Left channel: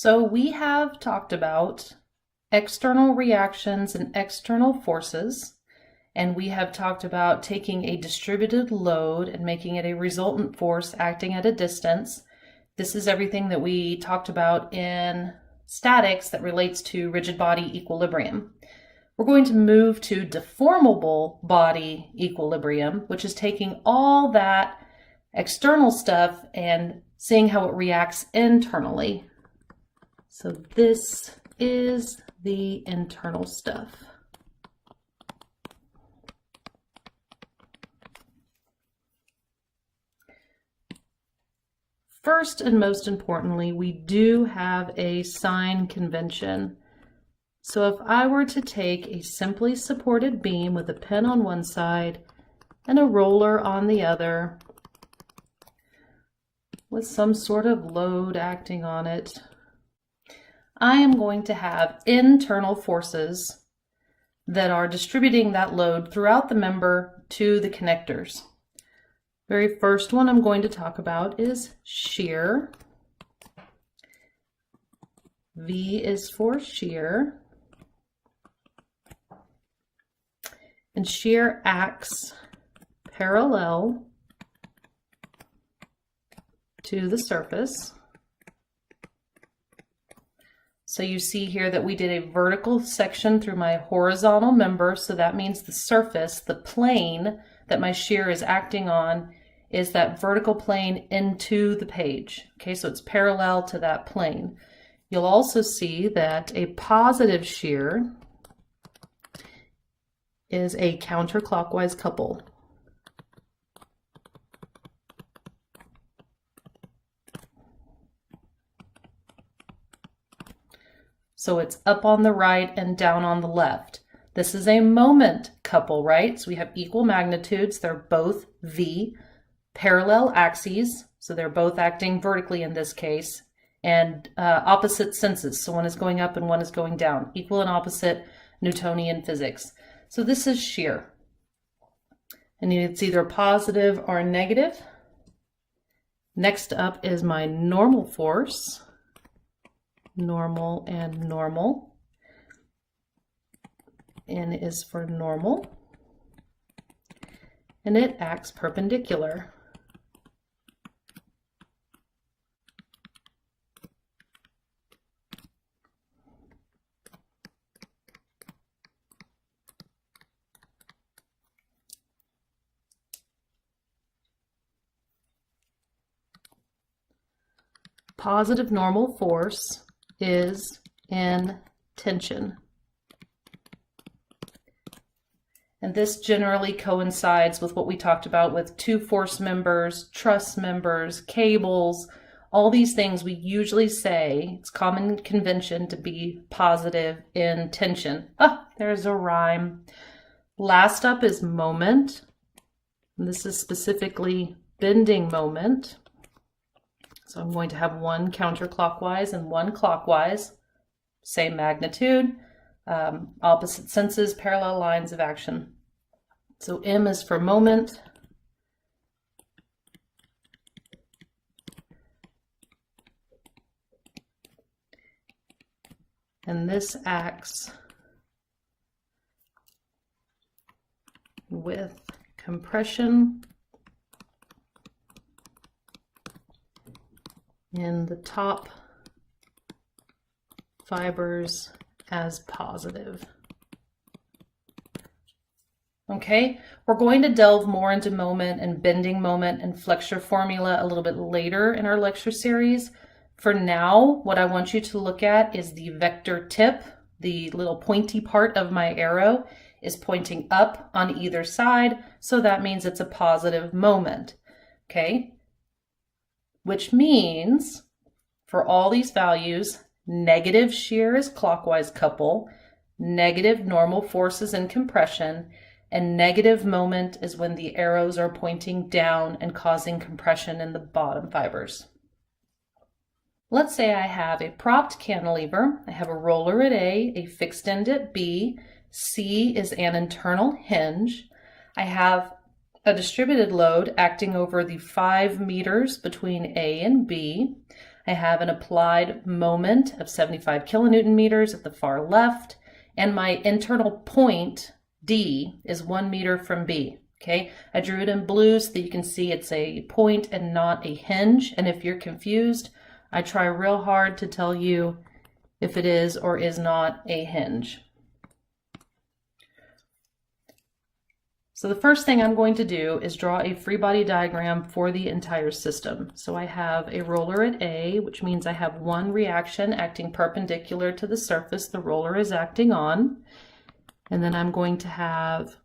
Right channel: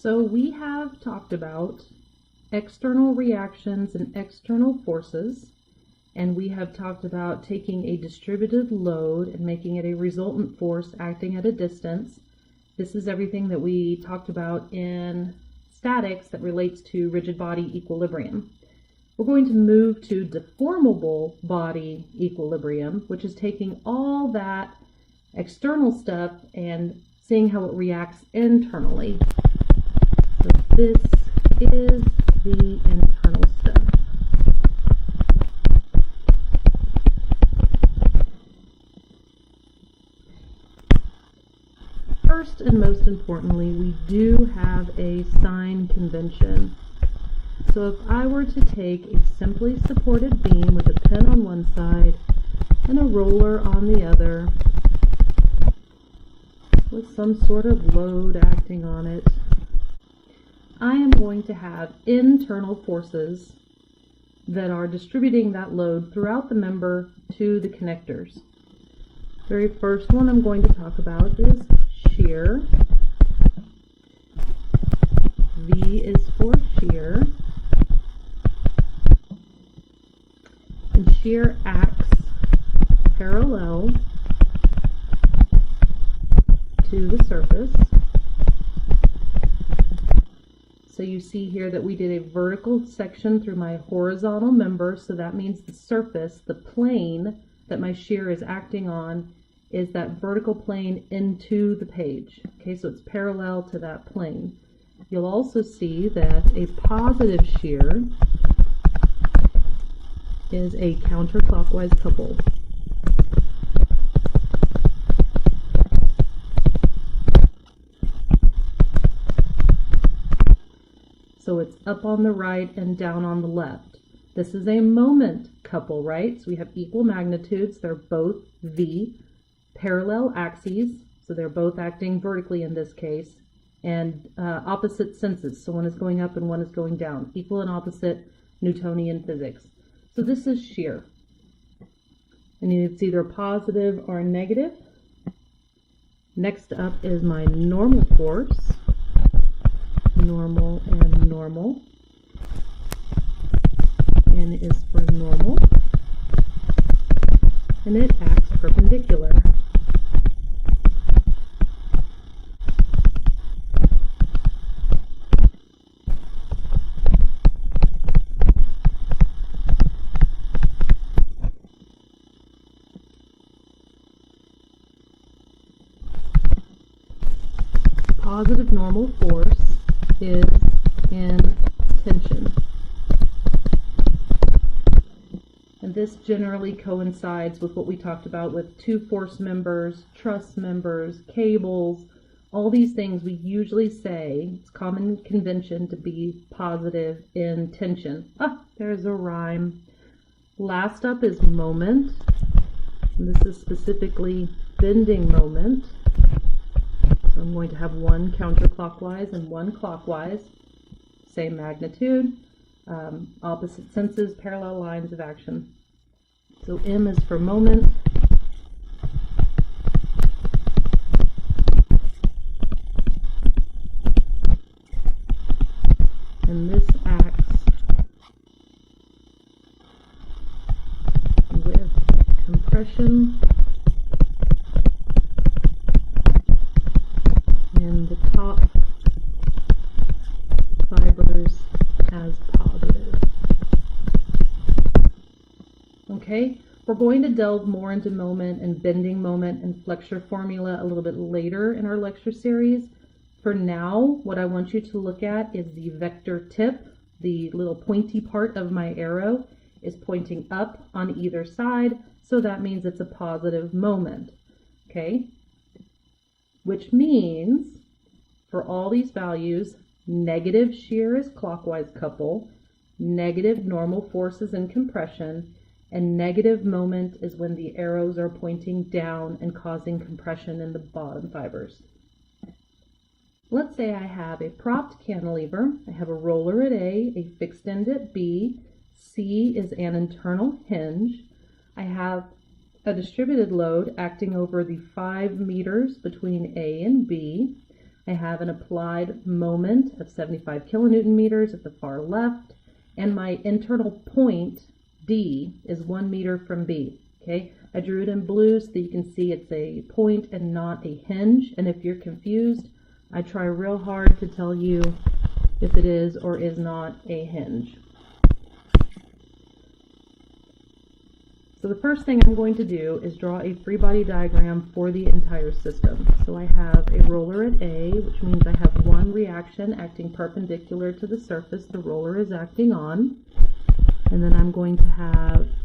So we have talked about external reactions and external forces, and we have talked about taking a distributed load and making it a resultant force acting at a distance. This is everything that we talked about in statics that relates to rigid body equilibrium. We're going to move to deformable body equilibrium, which is taking all that external stuff and seeing how it reacts internally. So this is the internal stuff. First and most importantly, we do have a sign convention. So if I were to take a simply supported beam with a pin on one side and a roller on the other with some sort of load acting on it, I am going to have internal forces that are distributing that load throughout the member to the connectors. Very first one I'm going to talk about is shear. V is for shear. And shear acts parallel to the surface. So you see here that we did a vertical section through my horizontal member, so that means the surface, the plane that my shear is acting on, is that vertical plane into the page. Okay, so it's parallel to that plane. You'll also see that a positive shear is a counterclockwise couple. So it's up on the right and down on the left. This is a moment couple, right? So we have equal magnitudes. They're both V, parallel axes. So they're both acting vertically in this case, and opposite senses. So one is going up and one is going down. Equal and opposite, Newtonian physics. So this is shear. And it's either positive or negative. Next up is my normal force. Normal and normal. N is for normal. And it acts perpendicular. Positive normal force is in tension. And this generally coincides with what we talked about with two force members, truss members, cables, all these things we usually say, it's common convention to be positive in tension. Ah, there's a rhyme. Last up is moment. And this is specifically bending moment. So I'm going to have one counterclockwise and one clockwise, same magnitude, opposite senses, parallel lines of action. So M is for moment. And this acts with compression in the top fibers as positive. Okay, we're going to delve more into moment and bending moment and flexure formula a little bit later in our lecture series. For now, what I want you to look at is the vector tip. The little pointy part of my arrow is pointing up on either side, so that means it's a positive moment. Okay, which means for all these values, negative shear is clockwise couple, negative normal force is in compression, and negative moment is when the arrows are pointing down and causing compression in the bottom fibers. Let's say I have a propped cantilever. I have a roller at A fixed end at B. C is an internal hinge. I have a distributed load acting over the 5 meters between A and B. I have an applied moment of 75 kilonewton meters at the far left, and my internal point, D, is 1 meter from B. Okay, I drew it in blue so that you can see it's a point and not a hinge. And if you're confused, I try real hard to tell you if it is or is not a hinge. So the first thing I'm going to do is draw a free body diagram for the entire system. So I have a roller at A, which means I have one reaction acting perpendicular to the surface the roller is acting on. And then I'm going to have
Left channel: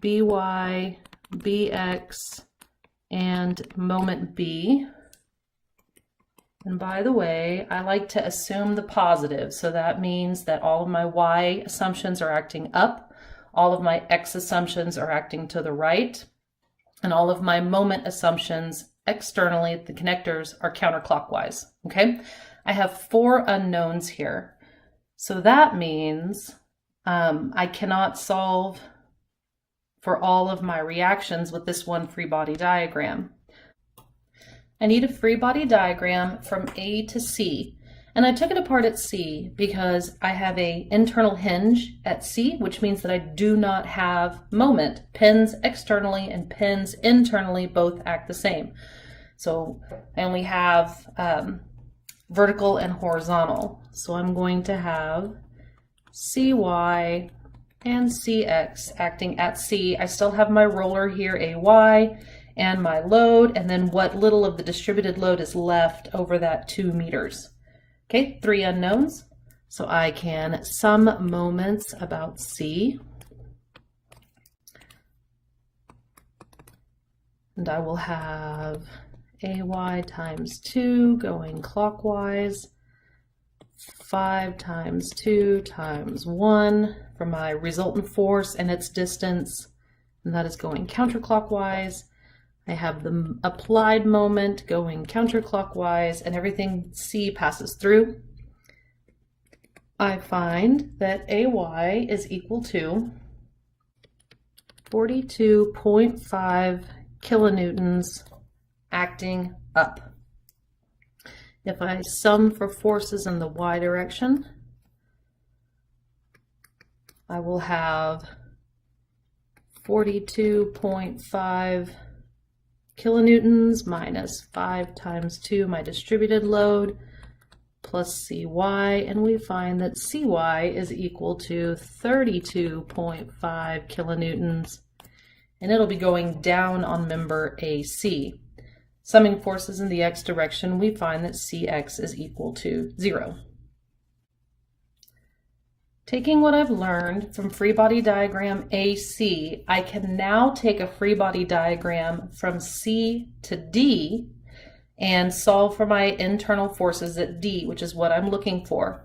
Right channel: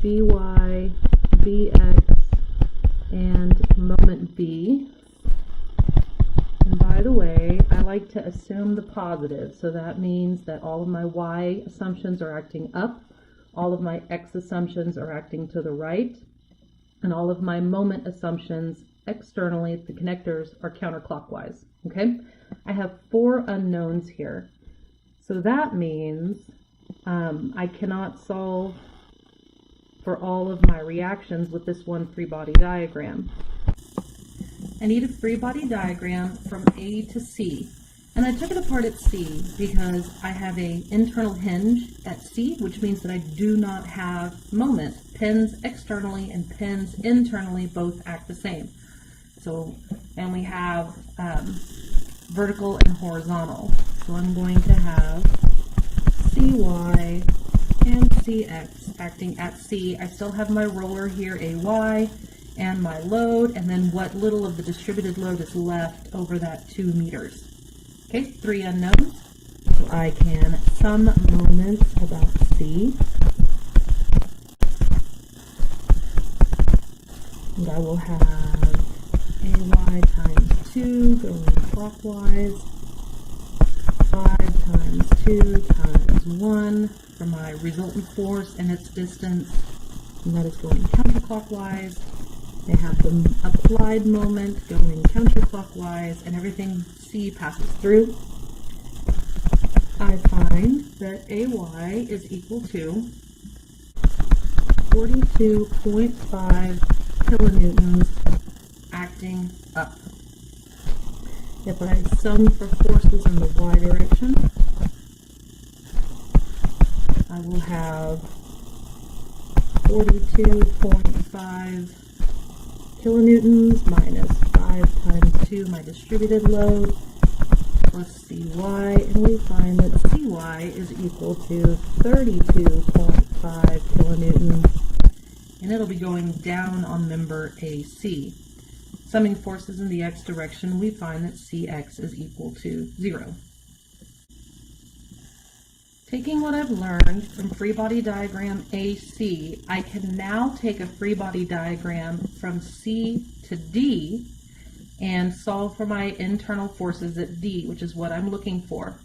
By, Bx, and moment B. And by the way, I like to assume the positive. So that means that all of my Y assumptions are acting up. All of my X assumptions are acting to the right, and all of my moment assumptions externally at the connectors are counterclockwise, okay? I have 4 unknowns here. So that means I cannot solve for all of my reactions with this one free body diagram. I need a free body diagram from A to C. And I took it apart at C because I have an internal hinge at C, which means that I do not have moment. Pins externally and pins internally both act the same. So I only have vertical and horizontal. So I'm going to have CY and CX acting at C. I still have my roller here, AY, and my load, and then what little of the distributed load is left over that 2 meters. Okay, 3 unknowns, so I can sum moments about C, and I will have AY times 2 going clockwise, 5 times 2 times 1 for my resultant force and its distance, and that is going counterclockwise. I have the applied moment going counterclockwise, and everything C passes through. I find that AY is equal to 42.5 kilonewtons acting up. If I sum for forces in the Y direction, I will have 42.5 kilonewtons minus 5 times 2, my distributed load, plus CY, and we find that CY is equal to 32.5 kilonewtons, and it'll be going down on member AC. Summing forces in the X direction, we find that CX is equal to 0. Taking what I've learned from free body diagram AC, I can now take a free body diagram from C to D and solve for my internal forces at D, which is what I'm looking for.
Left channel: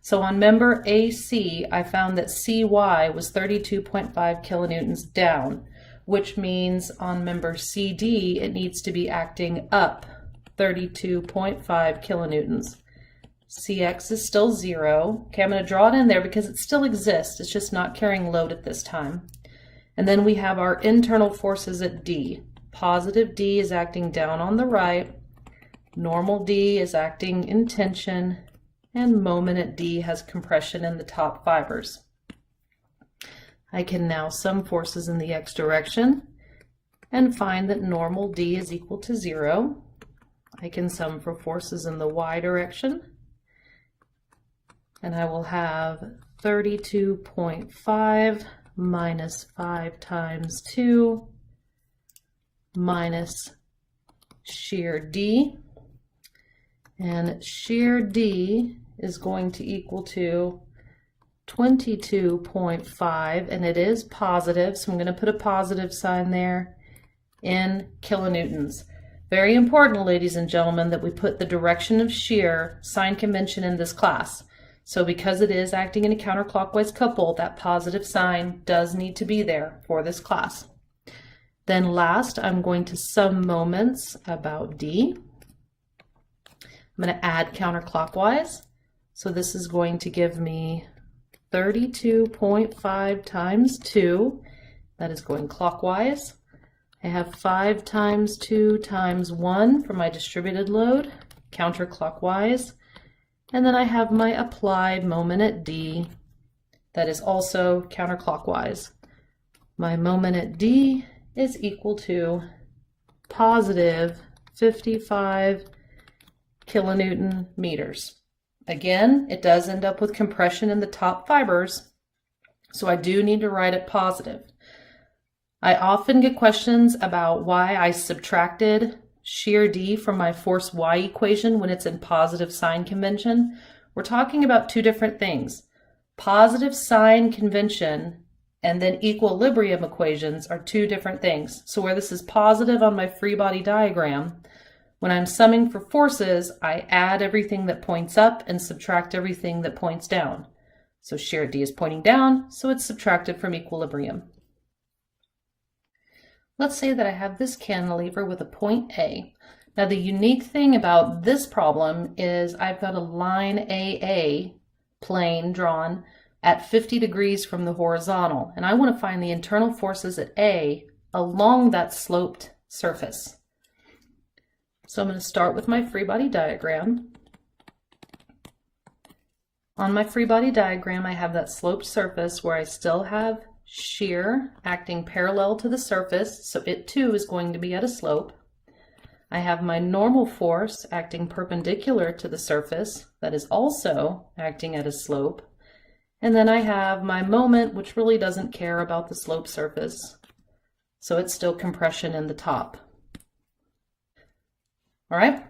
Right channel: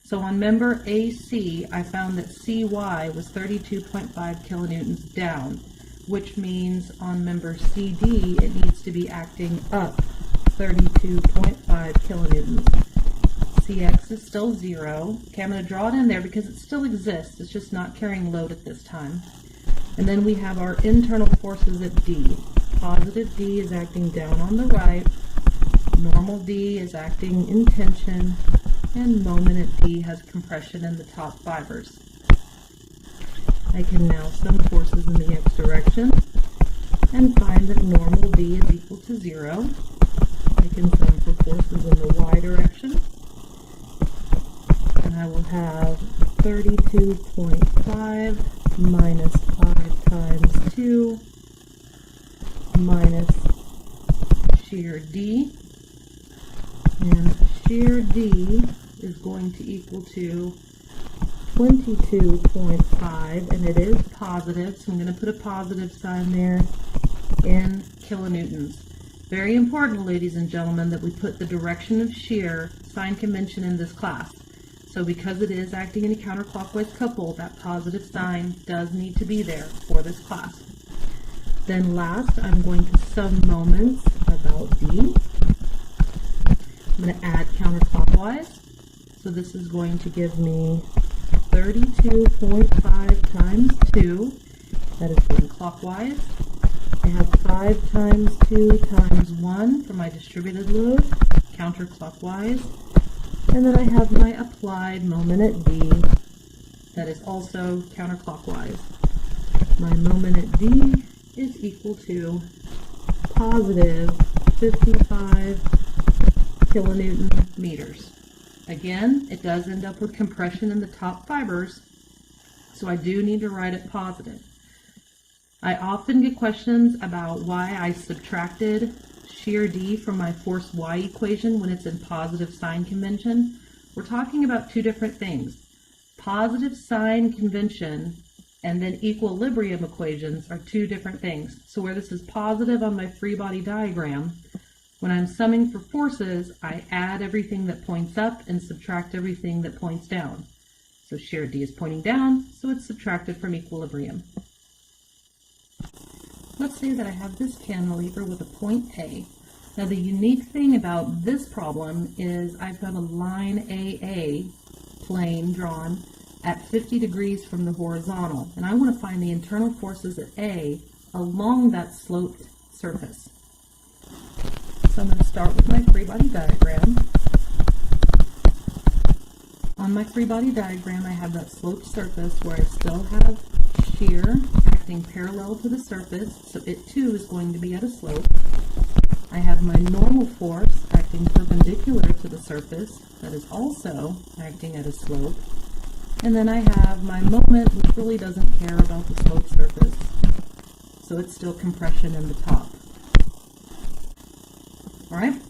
So on member AC, I found that CY was 32.5 kilonewtons down, which means on member CD, it needs to be acting up 32.5 kilonewtons. CX is still 0. Okay, I'm going to draw it in there because it still exists. It's just not carrying load at this time. And then we have our internal forces at D. Positive D is acting down on the right. Normal D is acting in tension. And moment at D has compression in the top fibers. I can now sum forces in the X direction and find that normal D is equal to 0. I can sum for forces in the Y direction, and I will have 32.5 minus 5 times 2 minus shear D, and shear D is going to equal to 22.5, and it is positive, so I'm going to put a positive sign there, in kilonewtons. Very important, ladies and gentlemen, that we put the direction of shear sign convention in this class. So because it is acting in a counterclockwise couple, that positive sign does need to be there for this class. Then last, I'm going to sum moments about D. I'm going to add counterclockwise. So this is going to give me 32.5 times 2. That is going clockwise. I have 5 times 2 times 1 for my distributed load, counterclockwise. And then I have my applied moment at D that is also counterclockwise. My moment at D is equal to positive 55 kilonewton meters. Again, it does end up with compression in the top fibers, so I do need to write it positive. I often get questions about why I subtracted shear D from my force Y equation when it's in positive sign convention. We're talking about two different things. Positive sign convention and then equilibrium equations are two different things. So where this is positive on my free body diagram, when I'm summing for forces, I add everything that points up and subtract everything that points down. So shear D is pointing down, so it's subtracted from equilibrium. Let's say that I have this cantilever with a point A. Now the unique thing about this problem is I've got a line AA plane drawn at 50 degrees from the horizontal, and I want to find the internal forces at A along that sloped surface. So I'm going to start with my free body diagram. On my free body diagram, I have that sloped surface where I still have shear acting parallel to the surface, so it too is going to be at a slope. I have my normal force acting perpendicular to the surface that is also acting at a slope. And then I have my moment, which really doesn't care about the sloped surface, so it's still compression in the top. All right,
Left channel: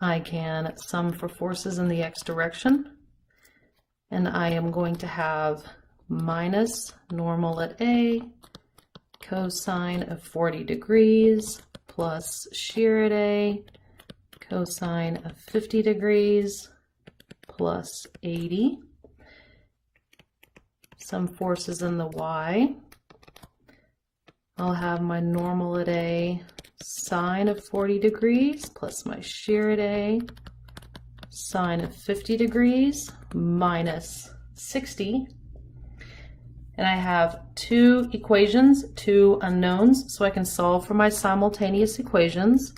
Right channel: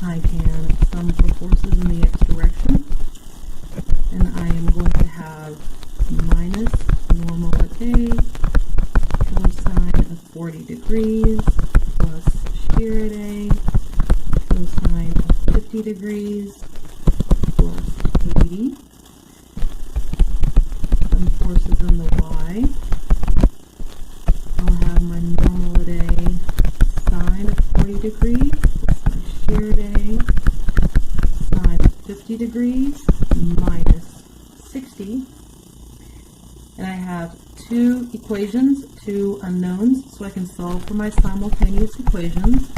I can sum for forces in the x direction, and I am going to have minus normal at A cosine of 40 degrees plus shear at A cosine of 50 degrees plus 80. Some forces in the y. I'll have my normal at A sine of 40 degrees plus my shear at A sine of 50 degrees minus 60. And I have two equations, two unknowns, so I can solve for my simultaneous equations.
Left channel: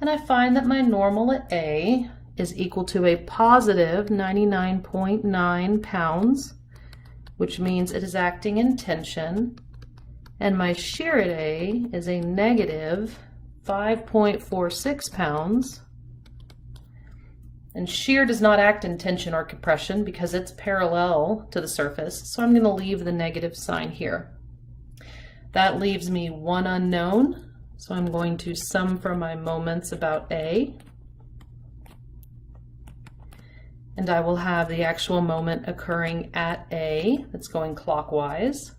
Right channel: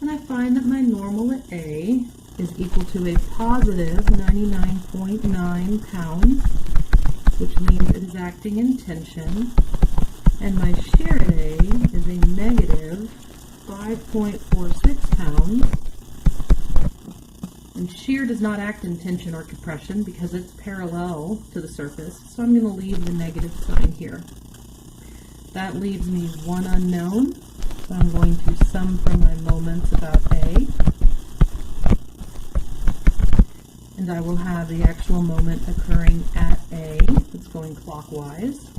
And I find that my normal at A is equal to a positive 99.9 pounds, which means it is acting in tension. And my shear at A is a negative 5.46 pounds. And shear does not act in tension or compression because it's parallel to the surface, so I'm going to leave the negative sign here. That leaves me one unknown, so I'm going to sum for my moments about A. And I will have the actual moment occurring at A that's going clockwise.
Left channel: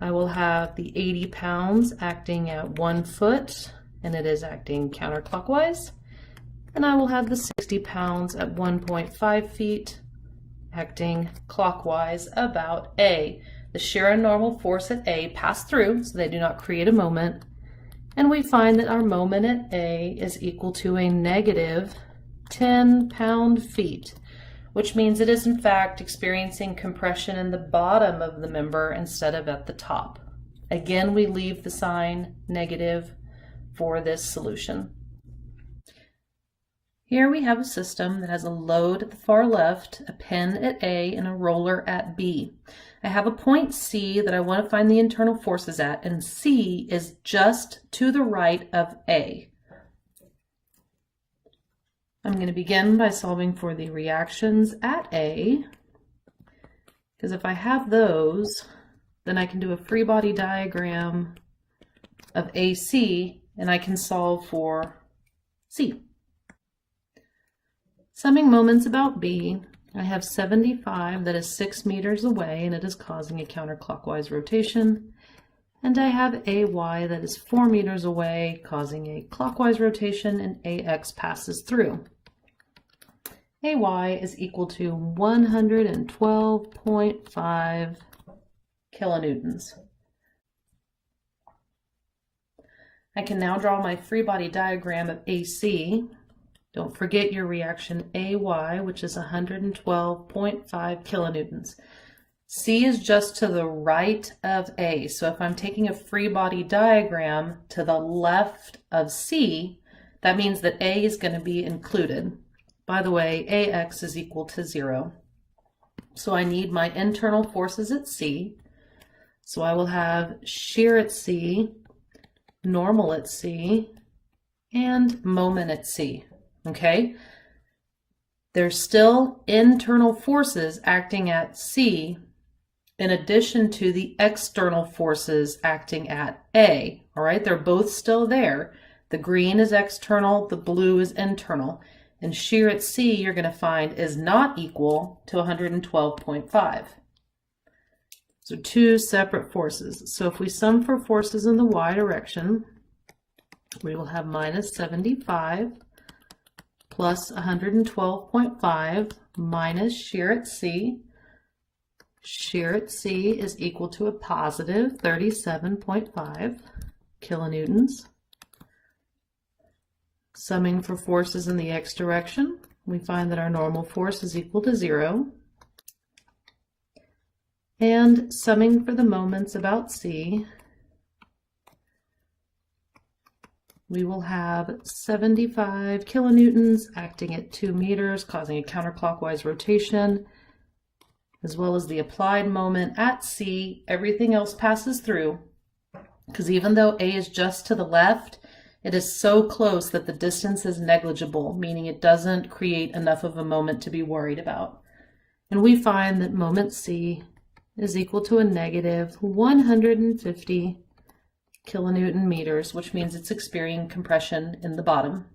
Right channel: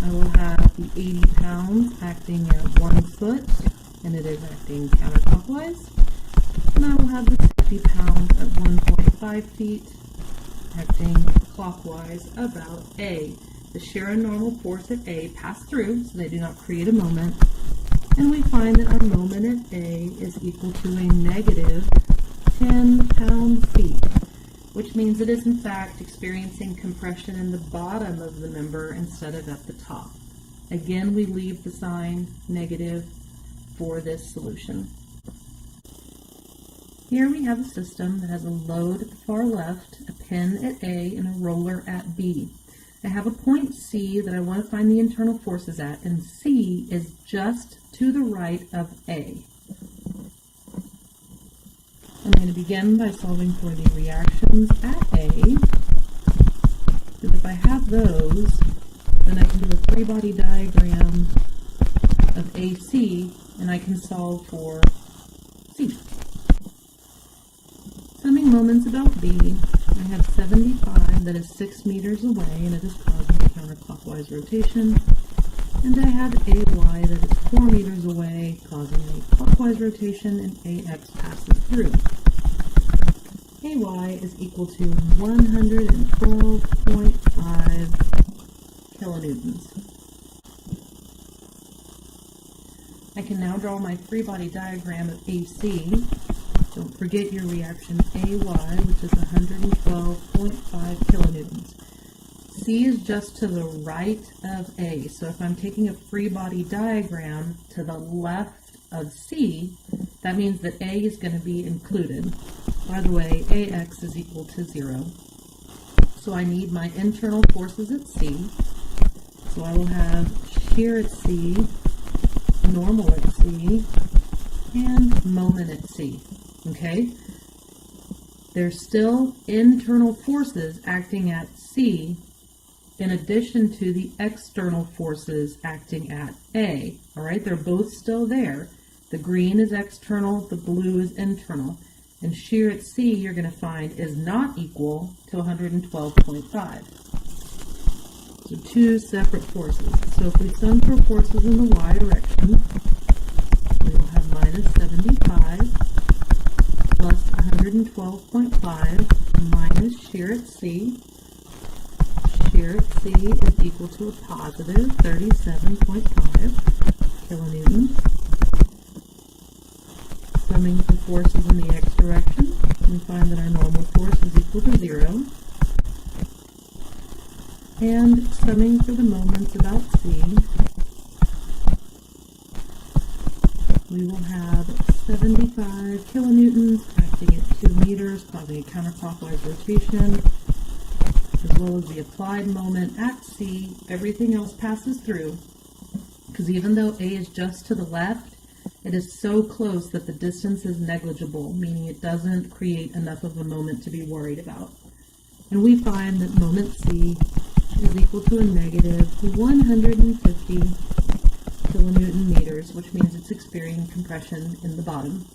I will have the 80 pounds acting at 1 foot, and it is acting counterclockwise. And I will have the 60 pounds at 1.5 feet acting clockwise about A. The shear and normal force at A pass through, so they do not create a moment. And we find that our moment at A is equal to a negative 10 pound-feet, which means it is in fact experiencing compression in the bottom of the member instead of at the top. Again, we leave the sign negative for this solution. Here we have a system that has a load at the far left, a pin at A, and a roller at B. I have a point C that I want to find the internal forces at, and C is just to the right of A. I'm going to begin by solving for the reactions at A, because if I have those, then I can do a free body diagram of AC, and I can solve for C. Summing moments about B, I have 75 that is 6 meters away and it is causing a counterclockwise rotation. And I have AY that is 4 meters away causing a clockwise rotation, and AX passes through. AY is equal to 112.5 kilonewtons. I can now draw my free body diagram of AC. Don't forget your reaction AY, which is 112.5 kilonewtons. C is just to the right of A, so if I'm taking a free body diagram to the left of C, That means that A is going to be included. By the way, AX is equal to 0. So I need my internal forces at C. So I will have shear at C, normal at C, and moment at C. Okay? There's still internal forces acting at C in addition to the external forces acting at A. All right? They're both still there. The green is external, the blue is internal. And shear at C, you're going to find, is not equal to 112.5. So two separate forces. So if we sum for forces in the y direction, we will have minus 75 plus 112.5 minus shear at C. Shear at C is equal to a positive 37.5 kilonewtons. Summing for forces in the x direction, we find that our normal force is equal to 0. And summing for the moments about C, we will have 75 kilonewtons acting at 2 meters, causing a counterclockwise rotation, as well as the applied moment at C. Everything else passes through, because even though A is just to the left, it is so close that the distance is negligible, meaning it doesn't create enough of a moment to be worried about. And we find that moment C is equal to a negative 150 kilonewton meters, which means it's experiencing compression in the bottom.